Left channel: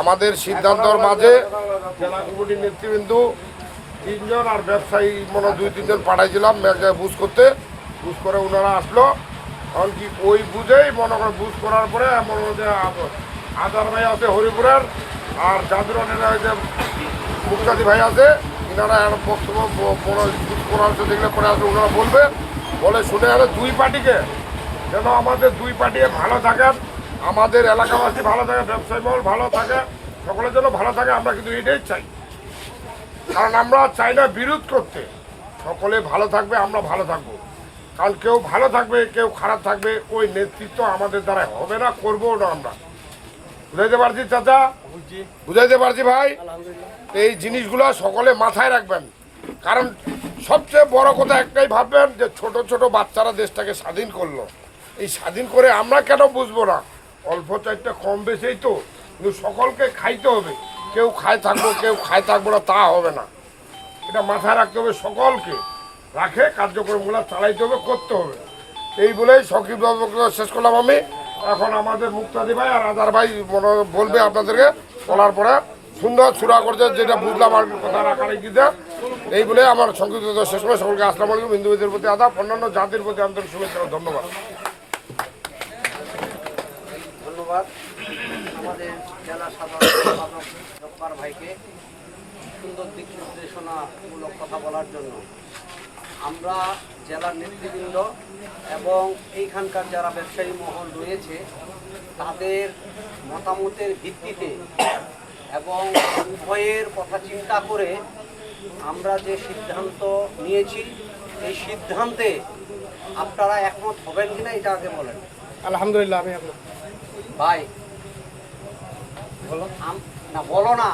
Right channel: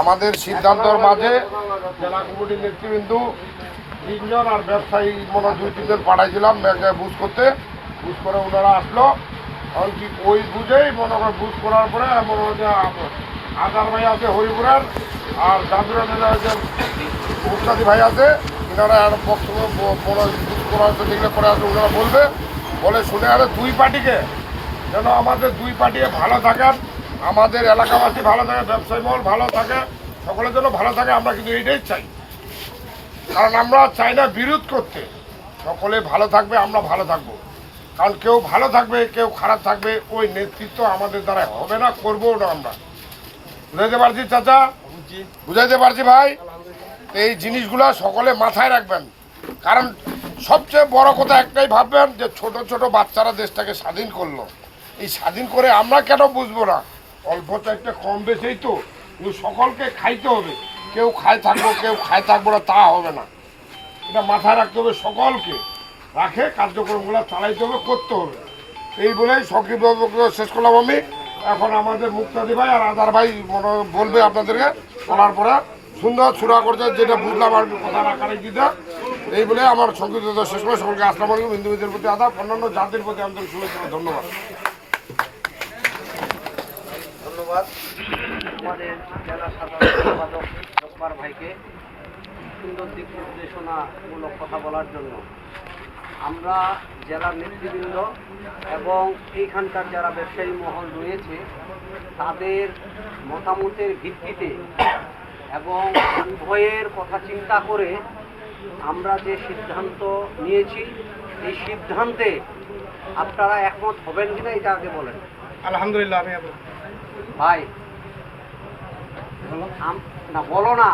আমাদের সিদ্ধান্তর মাঝে জেলা কমিটির নেতৃবৃন্দ 3 জন আর ব্যবসায়ী মনে 2-3 জন পাঠাইছিলাম বুঝ করতে। বুঝ করে ওনারা আসলো, এমনকি ওই বুঝেই মনে করে বুঝ করার পরে মনে হয় যে আদার ভাই আছে হরিপুরার আর জাদুরা যে মুক্তাদি ভাই আছে, ওনারা বক্তব্য বুঝ করা হচ্ছে দেখলে পরে আসলে ওনারা বলে শুনে আরে দুই পার্টিকে যেন আমাদের দুই পার্টি ভালো থাকেন, আমাদের এলাকাবাসী ভালো থাকে, ব্যবসায়ী মহল ভালো থাকে, সকলের জন্য ভালো থাকে। আমরা কিন্তু এইটাই চাই, কারণ আমরা চাই না বিরোধ করতে। সকলে ভালো থাকবে, আমরা ভালো থাকবো। কারণ কেউ ভালো থাকবে, কেউ খারাপ থাকবে, ওই নেতৃত্ব আমাদের দ্বারা হবে না, করবো না। আমরা বুঝাইতে পারছি চাচা, বুঝাইতে পারছি ভাই। এই জিনিসগুলো সকলে মাথায় রাখবেন, কারণ সবচেয়ে বড় কথা একটাই ভাববেন যে ছোট ছোট বাচ্চারা দেশটাকে স্বাধীন করলো। এই স্বাধীন করে আমরা কেন বুঝবো না? অল্প চারটা কম বেশি তো, কিন্তু সকলকে খাইতে হবে। কেউ খায় থাকবো, কেউ খায় থাকবো না, তা হবে না। এটা মাথায় রাখতে হবে, সকলকে রাখে কার্যক্রমগুলো চালাইতে হবে, করতে হবে। এই বলেই সংক্ষিপ্ত শেষ করলাম আমি। এখন আমাদের মুক্তাদি ভাই আর আদার ভাই বলবে আপনাদেরকে, বলার পরে সুন্দর সুরা করছে, যেটা বুঝলাম আর কথা রাখারে দিতে। এই বলে আমার সংক্ষিপ্ত শেষ করে সকলকে আসসালামু আলাইকুম। হিন্দুদের প্রতি আদাব, অন্যান্য জাতির প্রতি আন্তরিক শুভেচ্ছা, ধন্যবাদ। ধন্যবাদ আমাদের জেলা সাধারণ সম্পাদক জব্বার ভাইকে সুন্দর দিক নির্দেশনামূলক কথা বলার জন্য। আমরা জেলার নেতৃবৃন্দ এবং এইখানকার যারা ব্যবসায়ী মহল রয়েছে তাদের মতামতের ভিত্তিতে এবং উভয়ের কথা চিন্তা করে আমরা যে সিদ্ধান্ত নিয়েছি, এই সিদ্ধান্তে আপনারা একমত হবেন কিনা এটা আগে বলেন। আলহামদুলিল্লাহ। আমি ভাই না বলো না,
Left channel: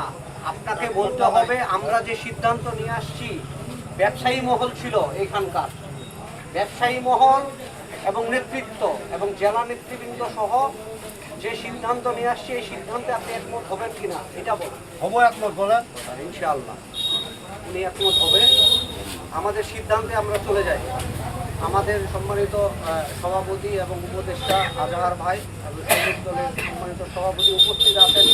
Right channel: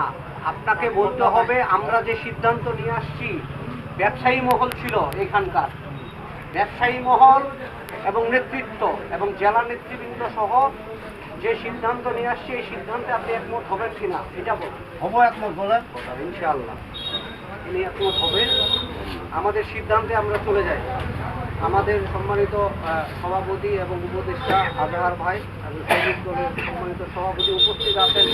আপনাকে বলতে হবে। আমরা যে সিদ্ধান্ত নিয়ে আসছি, ব্যবসায়ী মহল ছিল এখানকার, ব্যবসায়ী মহল এবং নেতৃত্ব এবং জেলা নেতৃবৃন্দ সহ যে সিদ্ধান্ত নিয়ে আসছি, এই সিদ্ধান্তে আপনি একমত হবেন কিনা এটা হবো। একমত বলেন ইনশাআল্লাহ তিনি একমত হবে। আমাদের সিদ্ধান্তে আমরা চলে যাই। আমাদের সম্মানিত সভাপতি এবং উপদেষ্টা আজহার ভাই এবং সৈনিক দলের সম্মানিত সভাপতি উপস্থিত আছেন।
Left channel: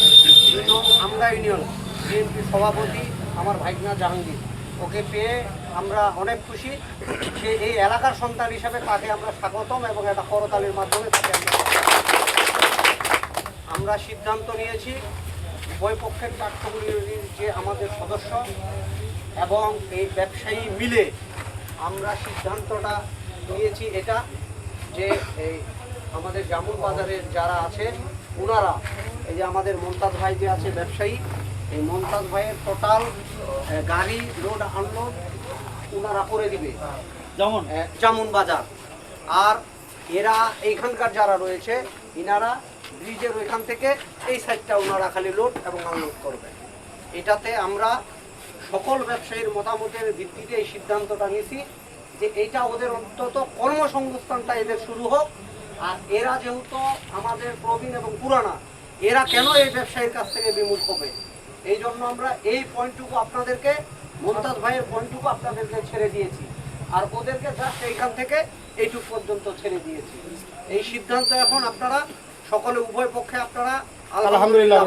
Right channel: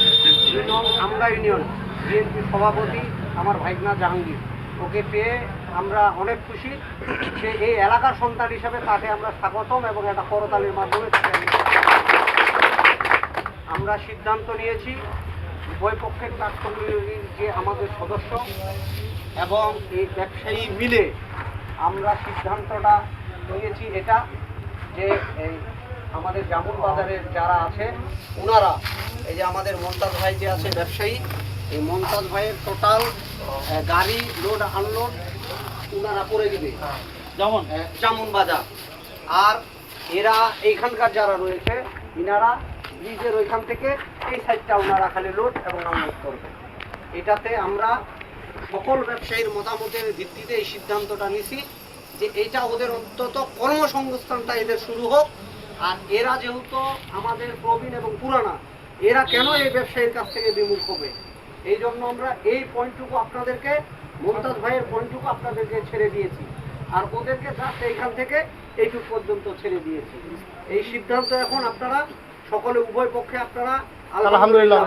আমরা ইউনিয়ন বিএনপি সভাপতি আমার ভাইগনা জাহাঙ্গীর, ওকে পেয়ে আমরা অনেক খুশি। সে এই এলাকার সন্তান হিসাবে তাকে আমরা স্বাগতম এবং একটা করতালির মাধ্যমে তাকে আমরা সিদ্ধান্ত নিয়েছি। উভয় পক্ষের কার্যক্রমের যে আমাদের সদস্য এবং এই ব্যবসায়ী মিলে আমরা সিদ্ধান্তটা নিয়েছি এটা যে এই আমাদের জামুন বাজারের যারা আছে ওনারা, এই যে আমাদের মমতাজ ভাই যে আছে ব্যবসায়ী, এই মমতাজ ভাইয়ের টোটাল গাড়ি লোড আনলোড ওনারা করে দিবে জামুন বাজার। আর এরা এইখানকার যারা রয়েছে ইনারা ব্রিজের ওইখান থেকে এই সাইডটা ওনারা খালি লোড এবং আনলোড করবে। এটাতে আমরা সকল ব্যবসায়ীর মতামতের ভিত্তিতে এই সিদ্ধান্তটা নিয়েছি যে এইটা ওদের অন্তত কর্মসংস্থানটা এদের শুরু হোক। আর এরা যেহেতু আমাদের প্রবীণ এবং পুরানা, এরা কেন এই ব্যবসায়ীর কাছ থেকে বিমুখ হবে, এই জন্য আমরা এই পয়েন্টটুকু আপনাদেরকে, মমতাজ ভাইয়ের পয়েন্টটুকু আপনাদেরকে ছেড়ে দিয়েছি, আর ওদেরকে জাস্ট এইখান থেকে এইটুকু পর্যন্ত ছেড়ে দিয়েছি। এই সিদ্ধান্ত এখন আপনারা সকলে উভয় পক্ষে আপনারা আলহামদুলিল্লাহ।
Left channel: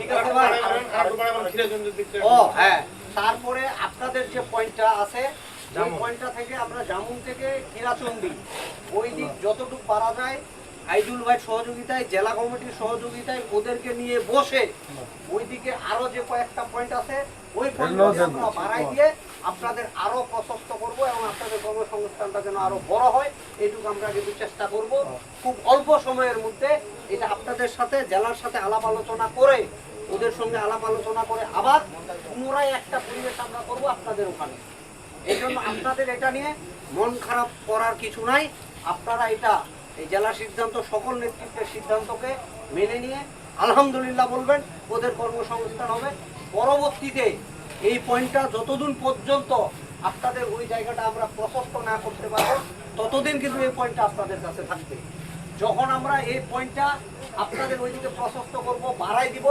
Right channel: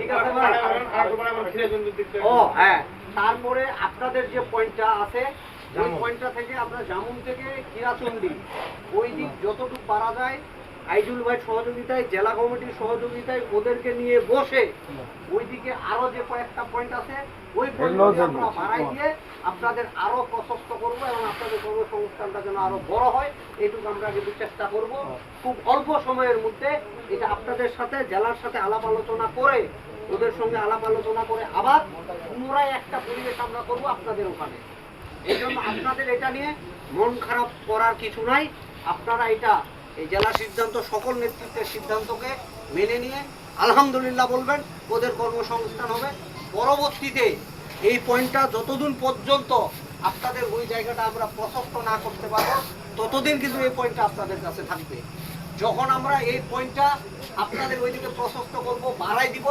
ঠিক আছে ভাই। ও হ্যাঁ, তারপরে আপনাদের যে পয়েন্টটা আছে এই পয়েন্টটা থেকে আমরা জামুন থেকে হীরাচন্ডী ওই দিক যতটুকু পারা যায় আইজুল ভাইয়ের সহযোগিতায়, জেলা কমিটির সহযোগিতায় ওদেরকে নিয়ে বসে ওইদিকে আরো যে কয়েকটা পয়েন্ট আছে ওই পয়েন্টগুলো আমরা বাড়াই দিয়ে আপনাদের আরো প্রশস্ত করব এবং আপনাদের কর্মসংস্থানটা যেন আরো বড় হয় এইটুকু আমরা কিন্তু চেষ্টা করব। খুব অল্প সময়ের মধ্যে এটা আপনাদের সাথে জেলার সাথে আলাপ আলোচনা করে, ওদের সঙ্গে আলাপ আলোচনা করে আবার পুনরায় একটা পরিবেশ আমরা করব আপনাদের ওখানে। এই জন্য আপনাদের এটা নিয়ে মন খারাপ করার কিছু নাই। আপনারা এটা এই জেলা সিদ্ধান্ত, সকল নেতৃত্বের সিদ্ধান্তকে মেনে নিয়ে আলহামদুলিল্লাহ বলবেন, ওদের কর্মসংস্থান হবে। পরবর্তীতে এই পয়েন্টটা যতদিন পর্যন্ত আপনাদের ওই জায়গাটা আমরা প্রশস্ত না করতে পারবো ততদিন কিন্তু এই পয়েন্টটা আপনাদের কাছে থাকবে। যখন আমরা এই পয়েন্টটা আপনাদের ওইদিকে প্রশস্ত করব, বাড়াই দিব,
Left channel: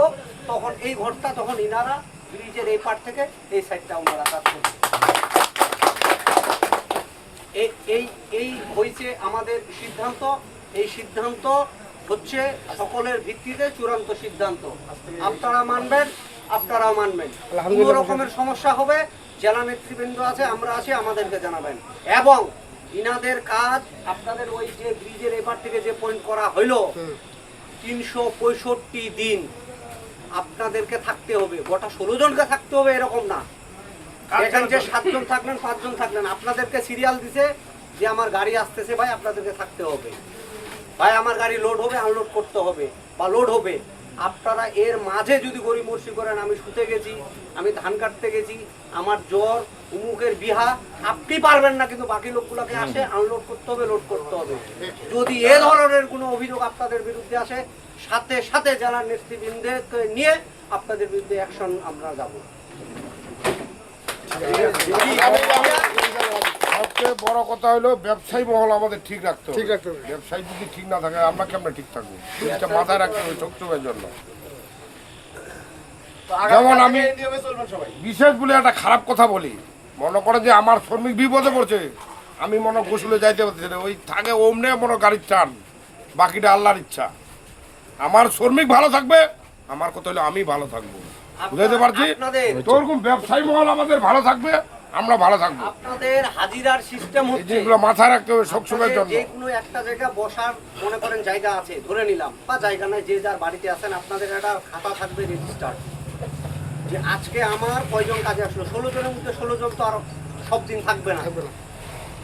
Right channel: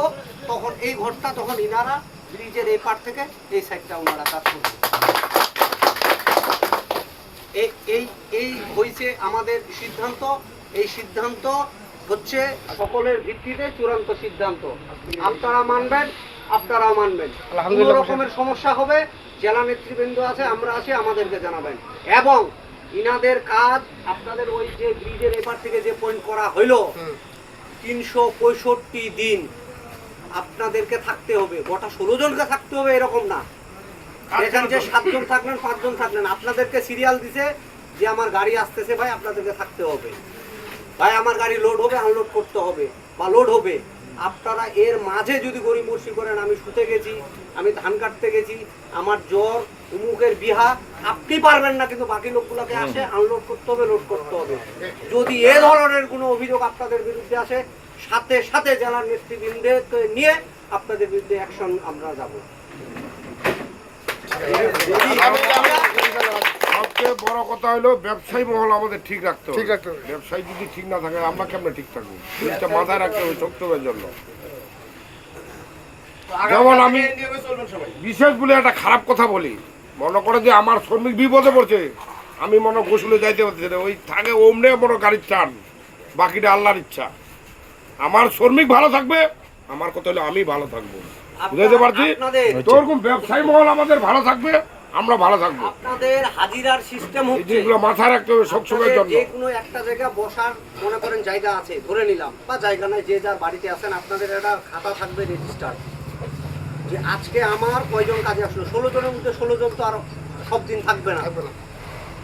তখন এই ঘরটা তখন ইনারা ব্রিজের এই পার থেকে এই সাইডটা ওনারা কাজ করবে। এই হয়েছে আমাদের সিদ্ধান্ত। এই সিদ্ধান্ত হচ্ছে সকলের ভিত্তিতে চূড়ান্ত সিদ্ধান্ত। আপনারা মানবেন, আপনারাও মানবেন। কোনো আলহামদুলিল্লাহ। রকমের সমস্যা হবে, জেলা নেতৃবৃন্দ আছে, আমরা আছি, আমাদেরকে জানাবেন। এবং ইনাদের কাজ আপনাদের ওই যে ব্রিজের এপার থেকে যে পয়েন্ট করা হইলো 365 দিন আপনাদেরকে থাকতে হবে। গোটা 16 জনকে থাকতে হবে এরকম না। এখানে যে 7 জন থাকলেন, 5 জন থাকলেন, আপনাদেরকে সিরিয়াল দিছে যে আমার গাড়ি আসতেছে ভাই, আপনাদেরকে থাকতে হবে। ভাই আমার গাড়ি লোড হবে, আনলোড করতে হবে বা লোড হবে। আপনারা এর মাঝে যদি গরিমর্শি করেন, আমি শুতে গেছি, আমি ধান কাটতে গেছি, আমার জ্বর, উমুকের বিহা, আপনি পারবেন না, কিন্তু বাকি লোকগুলোকে আসে আনলোড করতে হবে, লোড করতে হবে। যদি এ ধরনের কোনো অভিযোগ আপনাদের বিরুদ্ধে আসে, সাথে সাথে জেলা নেতৃবৃন্দকে নিয়ে আপনাদের বিরুদ্ধে অ্যাকশন আমরা যাব। সবচেয়ে বড় কথা হলো ব্যবসায়ী মহল আমাদের ঠিক রাখতে হবে। ঠিক রাখতে হবে। ব্যবসায়ী যদি ঠিক না থাকে আমরা কেমনে ঠিক থাকবো? জিনিসটা মাথায় রাখতে হবে সত্যের জন্য। যেমন আমি বিশেষ বলে একটা খারাপ কথা বলি, মনে করে যে আমার শ্রমিক বিপদে পড়ছে, আমি মনে গোসলে যাইতে পারছি না, ওই থাকে ওমনে মনে গাড়ির চান, বাকিটা আল্লাহর ইচ্ছা। আমার শ্রমিক ভালো থাকবে, আমার কথা হলো আমি ভালো থাকবো। বুঝাইতে পারছি? তো ওরকম ব্যবসায়ী মহল আমাদের ভালো থাকবে, আমরা ভালো থাকবো। আপনাদের হাজিরার সিস্টেম এই হচ্ছে জিনিসগুলো মাথায় রাখতে হবে সবসময়ের জন্য। যে কোনো একটা জায়গায় বসার মনে করেন জায়গা আছে, ধরে নিলাম, বা জায়গা নাই, যে যার বাড়িতে আছেন, আপনাদের একটা খাতা থাকবে রেজিস্টার, যে আজকে আমার কয়জন কাজে আসলো। 16 জনের মধ্যে 16 জন তো আর সব দিন থাকবে না।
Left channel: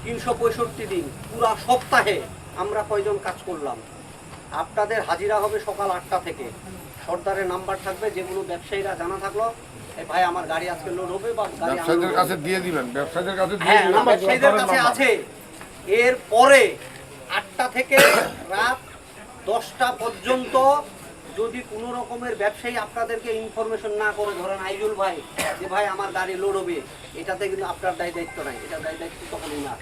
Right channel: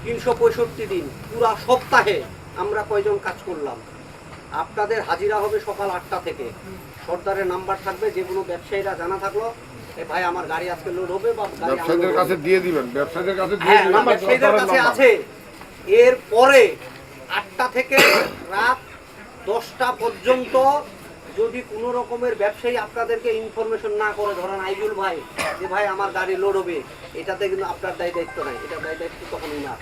365 দিন পুরা সপ্তাহে আমরা কয়জন কাজ করলাম। আপনাদের হাজিরা হবে সকাল 8টা থেকে। সর্দারের নাম্বার থাকবে, যে কোনো ব্যবসায়ীরা জানা থাকলো, এ ভাই আমার গাড়ি আজকে লোড হবে বা গাড়ি ব্যবসায়ীদের কাছে দিয়ে দিবেন, ব্যবসায়ীদের কাছে দিয়ে হ্যাঁ, দিবেন। ব্যবসায়ীদের কাছে আছে। এরপরে 8টা থেকে রাত 10টা পর্যন্ত যদি কোনো রকমের ব্যবসায়ী আপনাদেরকে ইনফরমেশন না করে, ধরেন আইজুল ভাই, যে ভাই আমার গাড়ি লোড হবে, এটাতে কিন্তু আপনার দায় দায়িত্ব নাই, এটা দায় দায়িত্ব তখনই না।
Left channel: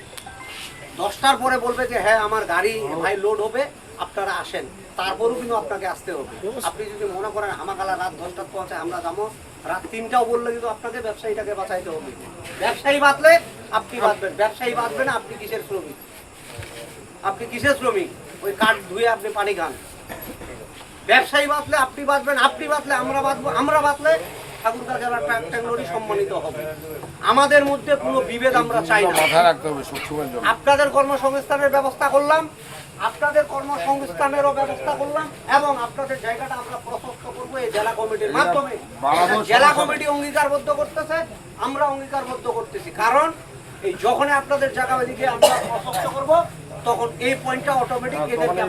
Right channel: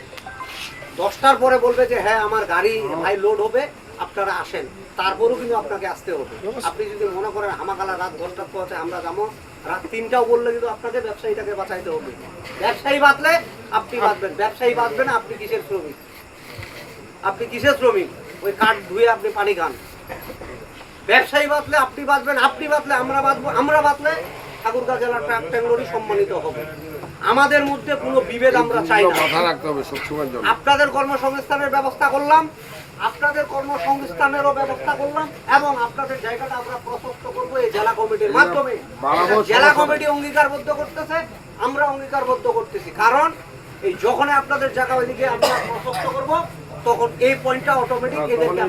10টার পরে বলবে যে হ্যাঁ আমার গাড়ি ভাই লোড হবে, আপনারা আসেন, তারপরেও কিন্তু আপনাকে আসতে হবে। আপনি যদি মনে করেন আমাকালা রাত 10টার পর আছে আমরা যাবো, রাত 3টাও বললে কিন্তু আপনাকে ব্যবসায়ীটাকে বাঁচাইতে হবে। ব্যবসায়ী বাঁচলে আপনি বাঁচবেন, ব্যবসায়ী বাঁচবে না, আপনি কিসের শ্রমিক? আপনি কিসের শ্রমিক? ওই কাঠ ধুয়ে আপনি পানি খান। ব্যবসায়ী বাঁচলে আপনি বাঁচবেন, আপনি বাঁচলে আমরা বাঁচবো, আমরা বাঁচলে ঠাকুরগাঁ জেলার ট্যাঙ্গরি সম্মানিত হবে। আমাদের মধ্যে কোনো বিভেদ আমরা চাই না। মাথায় রাখতে হবে সবসময়ের জন্য। আপনাদের কর্মসংস্থানের ব্যবস্থা করলাম, আপনাদের কর্মসংস্থানেরও ব্যবস্থা করলাম, এবং আপনাদের জায়গাটা আমরা প্রশস্ত করবো এই জেলা কমিটির মাধ্যমে। জেলা কমিটি অঙ্গীকারবদ্ধ করতেছে, আমরা অঙ্গীকারবদ্ধ করতেছি। কারণ এই যখন আপনাদের জায়গা ওইদিকে আমরা প্রশস্ত করবো, তখন এই পয়েন্টটা অটোমেটিক এদেরকে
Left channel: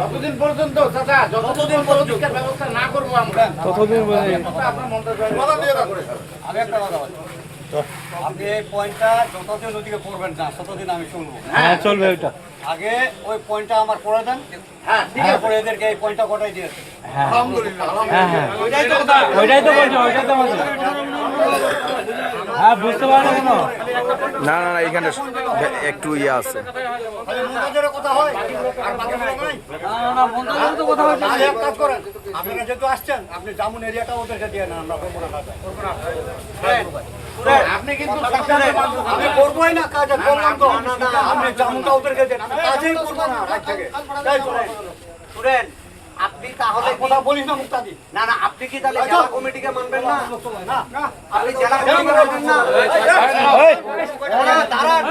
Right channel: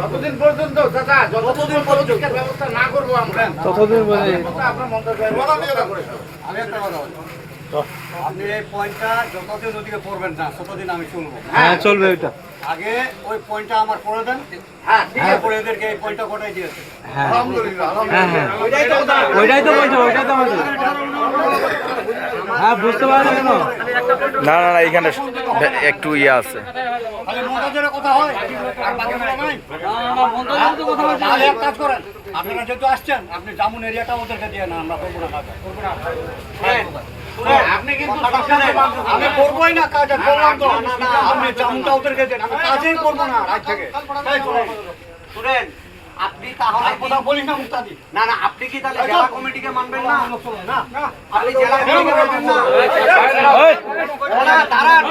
যতদিন পর্যন্ত চাচা, যতদিন পর্যন্ত ব্যবস্থা না করবো আমরা, ততদিন আপনার মন্তব্য আমি একটা কথা বলি, আপনি এই পয়েন্টটা যতদিন ওদিকে করবেন না, ততদিন আমি শুনবো। হ্যাঁ চলবে ওইটা। আগে ওই পয়েন্টটা আমার করে দেন, হ্যাঁ ঠিক আছে। তারপরে এদেরকে এই পয়েন্টটা কোটাই দিয়েছে। হ্যাঁ আলহামদুলিল্লাহ, হ্যাঁ হ্যাঁ ওইটাই তো কথা। ওইটাই তো বলছো, ওইটাই তো বলছো। হ্যাঁ বুঝতে পারছো কেন? না না না এখানে একটু ইয়ে আছে। খালি মন্ত্রীদের কথা হয় আর বাকিগুলো নাই। তাহলে এক কাজ করেন, আপনারা যেহেতু আসছেন, আপনি জামুন এরিয়াটা ওদেরকে দিয়ে না, আমরা করবো না কাজ। আপনি কিন্তু আমি করবোই না কাজ, আর করলাম তো। আপনি জামুনটা ওদেরকে দেন, আমি কাজই করবো না আজ থেকে। শুনেন, আপনি তাহলে কথা বলি না মুক্তাদি, না না, আপনি কি তাহলে জেলা কমিটিকে মানবেন না? না, আপনি জেলা কমিটিকে মানবেন না? দাঁড়ান,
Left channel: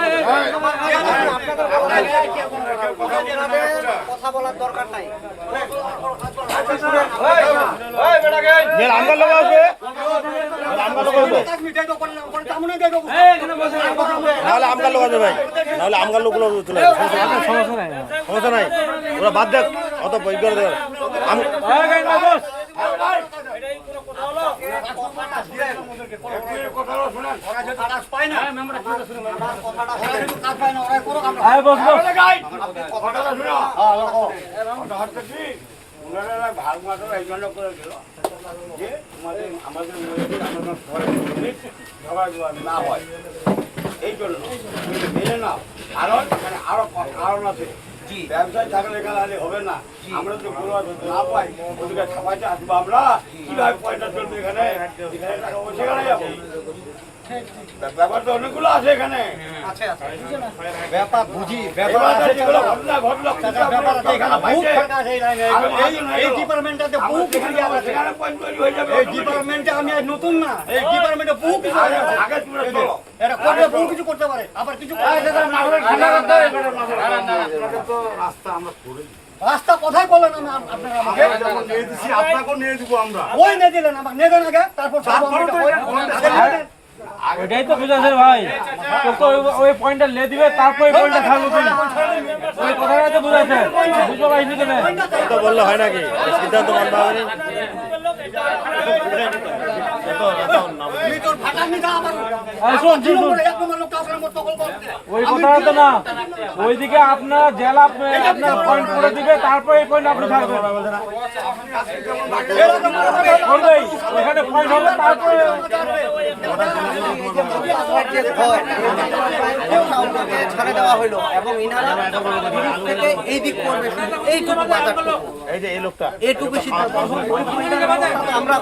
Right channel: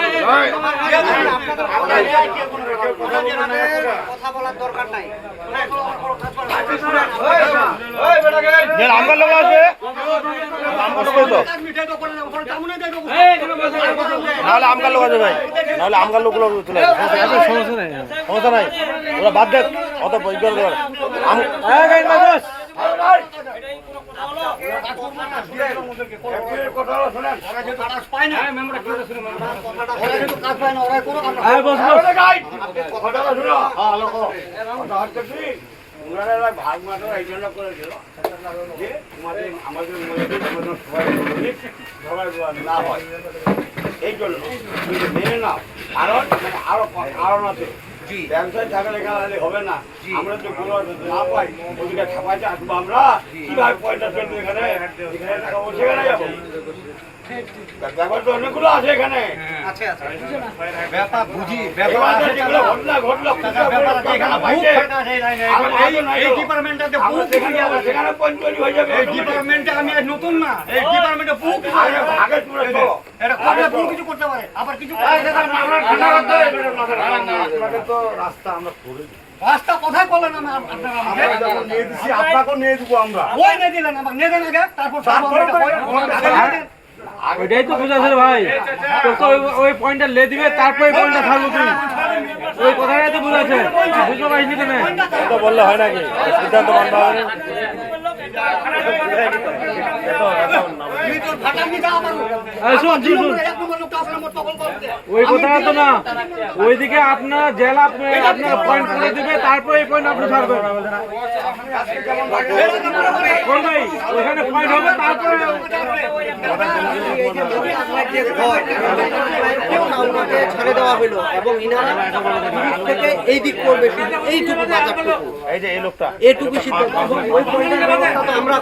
আপনাদের কথা বলার দরকার নাই। আমার লোক আসবে, আমার লোক তো নাহলে আমগার লোক আসবে ভাই, নাহলে আমগার লোকগুলো চলে আসবে। সমস্যা নাই, সমস্যা নাই, ওরা বাদ দেখ, অত বৈজ্ঞানিক দেওয়ার ভাগ মাত্র এই জন্য করেছিল যে আমাদের না হয়, এই জন্য মেনে নাও। কারণ আরো কারণ আছে, ব্যবসায় থাকলে এখানে হবে না। আমরা তো কোনো না পাই, ওদিকে খাপাইতে আসবো আমরা, কিভাবে পয়সা চলবে এখানে? এখানে টাকা বসে গেলে যাবো। ব্যাপার তো অনেকগুলো আছে এখানে। আচ্ছা আচ্ছা ব্যাপার বুঝি ব্যাপার এবার আছে যেগুলো ঘটনা ঘটলো, ব্যাপার আছে এখানে বুক ফাটা আছে এই ডিপার্টমেন্টে বুক ফাটা আছে সেখানে পঞ্চায়েত হয়ে যাবে। এই ডিপার্টমেন্টে আমি আজ নতুন না এই ডিপার্টমেন্টে বুক আগে তুলে তো। এটা করলে বহু কিছু করতে পারে আবার কিছু রাস্তা কোথায় বলেন আমি আপনারা আমাকে আপনাকে নিয়ে দিব আমরা। ওই নিয়ে দিলেন আমাকে নিয়ে দেন আগে তারপর ওইটাই তো বুঝাছে ভাই, তোকে ওই পয়েন্টটা লে দিবে, তারপর ওই পয়েন্টটা ছাড়বো তুই। ওই কথাটাই তো বুঝাছে, বুঝতে পারিনি কেন? তো বললে হয় নাকি? সিদ্ধান্ত মানতে হবে না। ওই কথাটা তো না, ওইদিকে আপনার জেলা আপনার পয়েন্ট করে দিবে, তারপর এই পয়েন্ট আপনি ছাড়বেন। ওইখানে পয়েন্ট হবে, তারপরে ছেড়ে দেওয়া হলো এবং ইনারা থেকে এই দিক করবে এইটুকু এই যে এই লোকটা এইটুকু সিদ্ধান্ত ওই পয়েন্টের ব্যবস্থা আমরা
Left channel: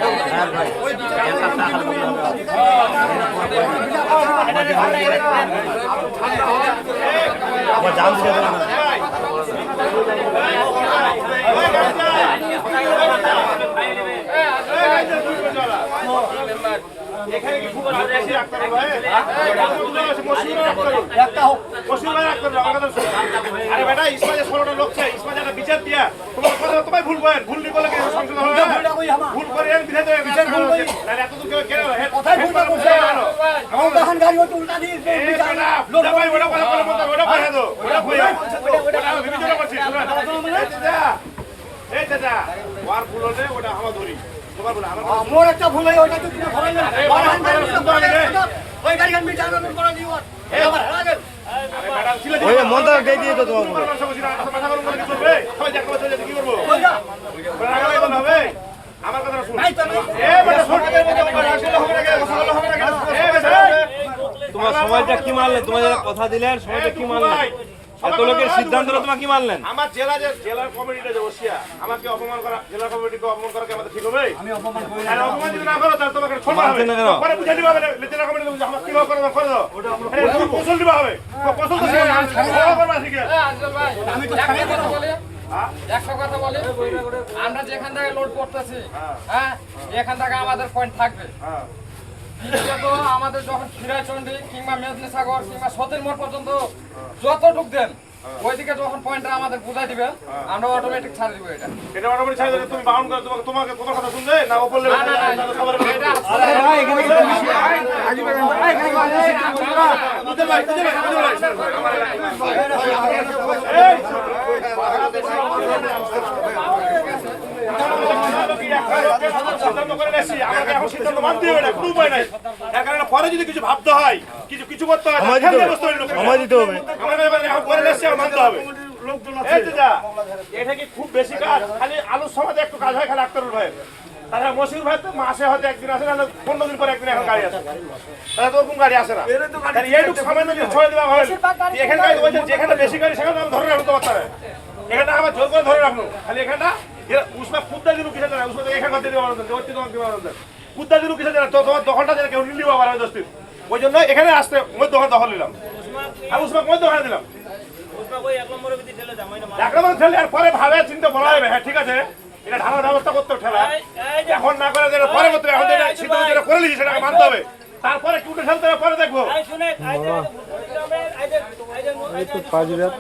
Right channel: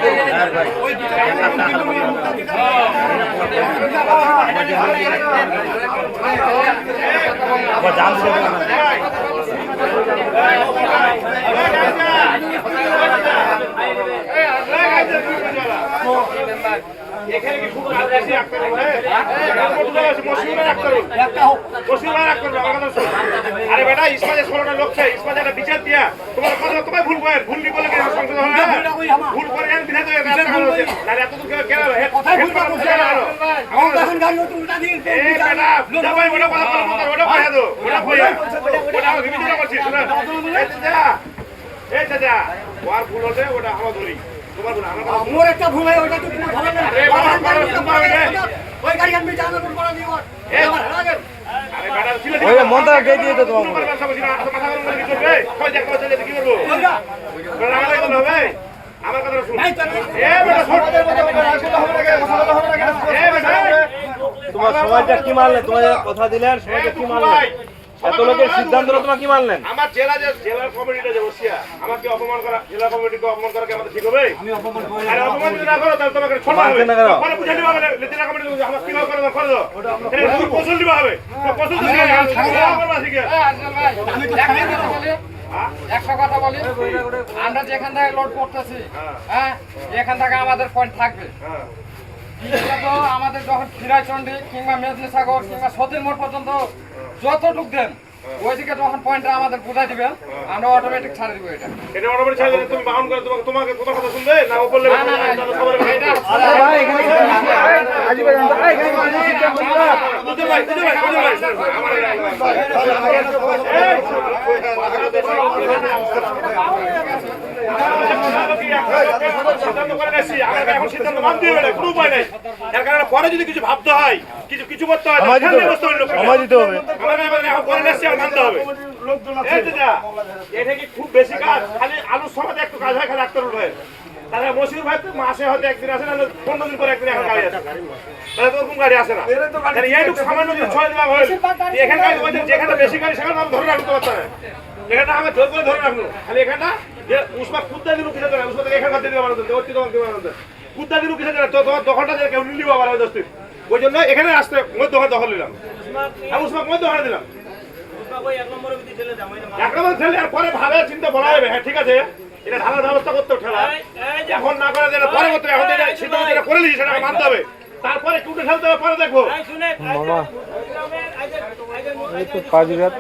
আবার জাম দিতে না। এখানে কি খুব বেশি রাখতে হবে? আরে বেটা ইসমাজে 16টা লোক চাই, ইসমাজে একটা বিচার দিয়া তোমার কথা তোমায় ভুল করে ভুল কি বলে কেন সংসদ হবে? ভুল করে বিনা তো তাহলে এত দূর কেন হে কথাই ভুল না করছে আমার তখন গাড়ি ওটা উল্টা দিয়ে এই বেটা লোক ভাই ওটা কথা বলে ওটা কইয়া দাও ওটা কইয়া ওটা বিবেচনা করছি শোনা এই চাচা ওয়ার ভুল হলে ওটা আমরা ধরি তোমার ভুল আমার কথা মোর একটা ভুল হয় ওটা তো তুমি ধরে না ওই গাড়ি আমি জানার পর পড়া দিও ওই মনটা কে দিয়ে তো তোমার আমার কথা শুন তোমার সমাজটা কি মানলেন? তোমাদের কথা দিলেন, সমাজটা কি মানলেন? এত লোকের সিদ্ধান্ত তোমার কি মানলেন? আমার জেলার কমিটিটা যে বসিয়া আমাকে অপমান করা, জেলা কমিটিকে অপমান করা কি আমাদের ঠিক হবে? আমি অপমান করি না। অপমান যদি না করো তাহলে তোমাকে ছোট হবে। পরে বুঝাই দিবা মানে জেলা কমিটি আমাকে কি করে দাও করে দাও। ওটা আমরা কৌশল দিবা হবে। কৌশল তো শিখে না শিখে। আমি তো একটা কথা বলি, আমরা যেখান থেকে লোড করতেছি, হ্যাঁ এখান থেকে আমাদের পয়েন্ট থাকবে। বিশেষত আমাদের যখন ফিরাইচন্ডি কিংবা মেদিনী সাগর কিংবা সতীর মোড় পর্যন্ত যতটুক দেন ওইদিকে যখন পয়েন্টটা আমাদের বুঝাই দিবেন আমরা অটোমেটিক ছাড়ে দিব। এটা অটোমেটিক ছাড়ে দিলে তুমি বাউন্ড করে তোমাকে তোমার কথা শুনবে না বললে বুঝতে ভাই পরে যদি কিছু ভাবতে হয় কিছু করতে হয় সময় দিতে হবে। মানতে হবে। এটা কি খুব বেশি কাজ? খালি আলুর সমাজে একটু কাজ হয় খালি আক্তার ভাই, তাহলে মসির ভাই তো মাসে হয়তো একদিন আসে, নাহলে 15 দিন পরে একদিন এখন গাড়ি আসে, তাহলে তো ওরকম গাড়ি আসে না। তাহলে এইটুকু সামান্য যদি ছয় দেওয়া হয় এখানকার যেখানে বেশি গাড়ি সেখানে আমি ধরে রাখতে পারতাম। এখানটা আমার জোর করে ধরে রাখলো, খালি এখানটা যে উসমা কুদ্দা দিন কিসে দেয়, উসমা এখানে দিতে পারতেন কুদ্দা দিন কিসে দেয়, তো তোমার দখলটা কেউ নিলিও আবার ওই 10 দিন। ওই জন্য এখানে আসতে ওই দোকান দখল নিলাম, আমি উসমা ওই দোকানে দিলাম। এক নম্বর ঠেলে আর পরে ভালো চিন্তা বলা হবে, হ্যাঁ ঠিক আছে এটা ঢালার ব্যবস্থা করতে ঠেলা এখন না করে যেটা পরে করতে হবে, এখন যেটা সিদ্ধান্ত যেটা করে নিয়েছি সেটা মানতে হবে, তারপরে টুটে খেলতে হবে পরে দেখবো। এই তো পাঁচবিরাত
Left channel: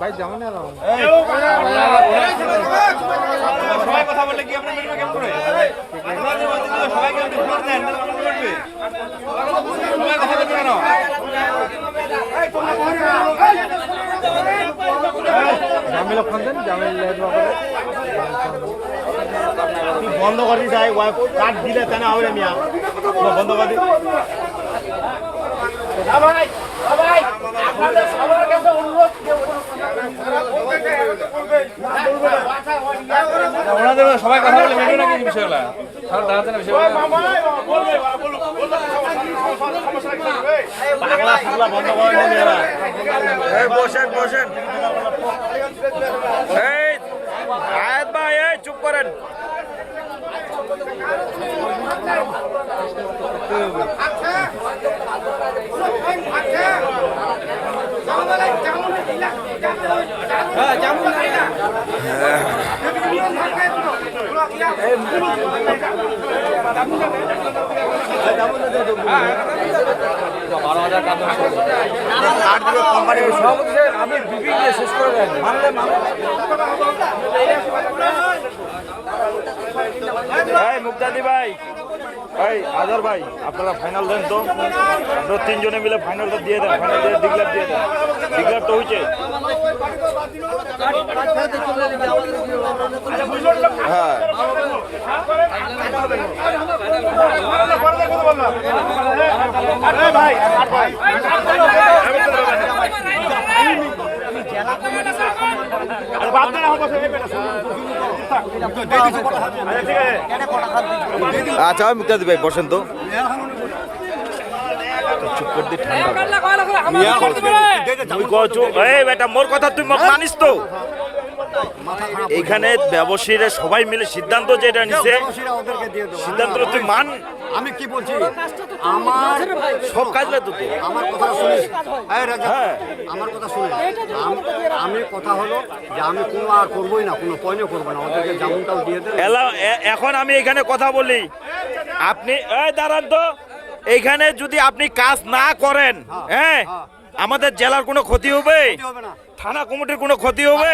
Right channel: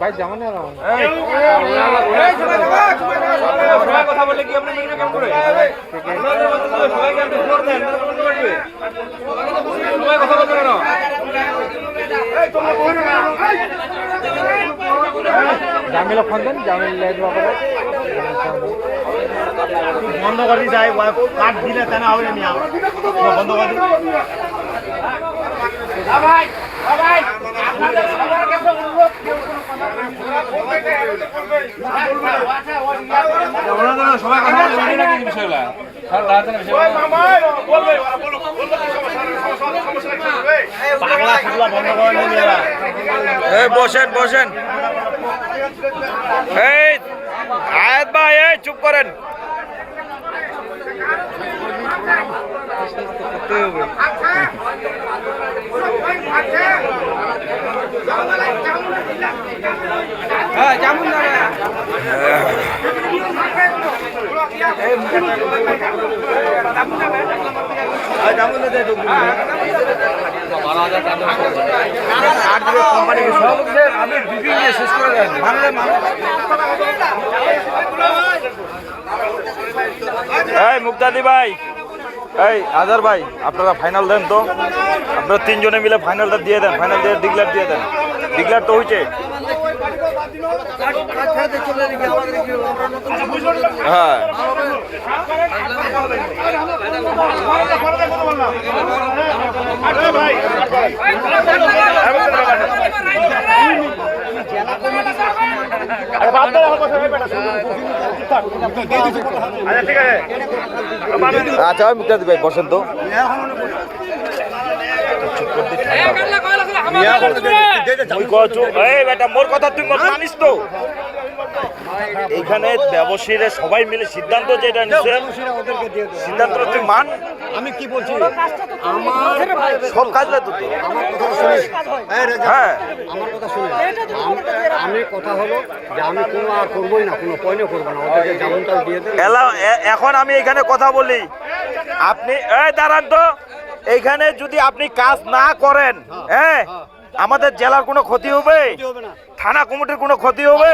ভাই যেমন কথা বললে কি আপনি কেমন করে জামিলা ফোন দেন, জামিলা বন্ধ করে যাই কাঠ দিলে কেন হবে বন্ধ করে ওনাদের সবাই কথা বলে বুঝে নাকি ইনশাআল্লাহ আর দাঁড়াতে পাগলা ফুগলা বন্ধ করেন এরা। এই বসেন বসেন, এই আয়াত ভাই এই চুপ করেন। হ্যাঁ কেমন না আমি বিপি দিয়ে শেষ করে দেন মানলে এই মুক্তাদি ভাই, এই আজার ভাই, আপনারা ফাইনাল দেন তো, আপনারা তিনজনে মিলে ফাইনালটা দিয়ে দেন, ফাইনাল দিয়ে ডিক্লেয়ার দিয়ে দেন। ডিক্লেয়ার তো হয়েছে। হ্যাঁ আচ্ছা মুক্তাদি ভাই বসেন তো। এই বেটা মোর কথা তুই মানিস তো? এইখানে ব্যবসায়ীরা সবাই মিলে সিদ্ধান্ত যেটা নিছে, সিদ্ধান্ত তুই মান। আমি কি বলছি সব কাজ লাগতো তো। হ্যাঁ আমার কথা শুনে আমি কথা হলো যে আমি কোনো আর করবোই না, কোনো পয়না করবো না, ওদেরকে যেমনটাও দিয়ে দেন। এখন আমি এখানে কথা বলি, আপনি এই দাঁড়ান তো। এইখানে যদি আপনি কাজ না করেন, হ্যাঁ আমাদের জেলার কোনো ক্ষতি হবে, থানা কমিটির কোনো ক্ষতি হবে,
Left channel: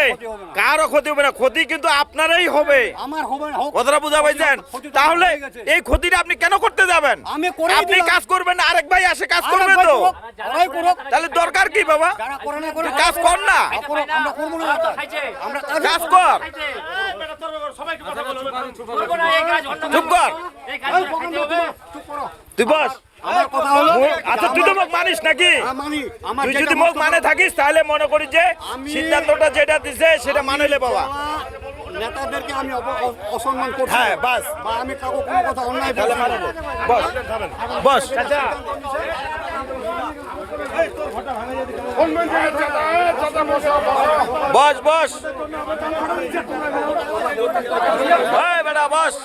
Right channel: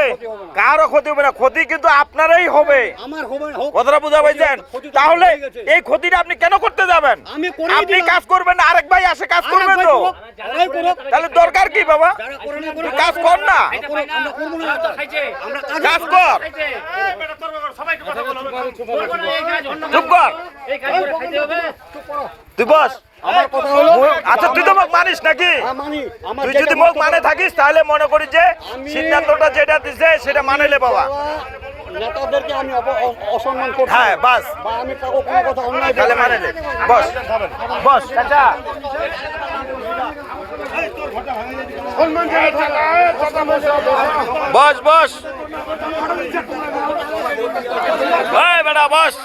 কারো ক্ষতি হবে না। ক্ষতি কিন্তু আপনারই হবে। আমার হবে না, হোক। কথাটা বুঝা পাইছেন? তাহলে এই ক্ষতিটা আপনি কেন করতে যাবেন? আমি করেই আপনি দিলাম। কাজ করবেন না, আরেক ভাই আসে কাজ করবে তো। যারাই করুক, তাহলে দরকার কি বাবা? যারা করে না তুই করুক, কাজ কর না, আমরা করবো না। আমরা কাজ কর, চুপ কর, তুই বস। আচ্ছা তুই তো মোক মানিস নাকি? মানি, আমার তুই যেটা যদি মোক মানে বক্তব্য, থাকিস তাহলে মনে করি যে সিদ্ধান্তটা যেটা দিছে সেটা মানেলে বাবা। নেতাদেরকে আমি অসম্মান করছি, হ্যাঁ বাস, বা আমি কাউকে কোনো কথা অন্যায় তাহলে বলছি না। মানেলে বস বস। বস বস, এই বেটা বস।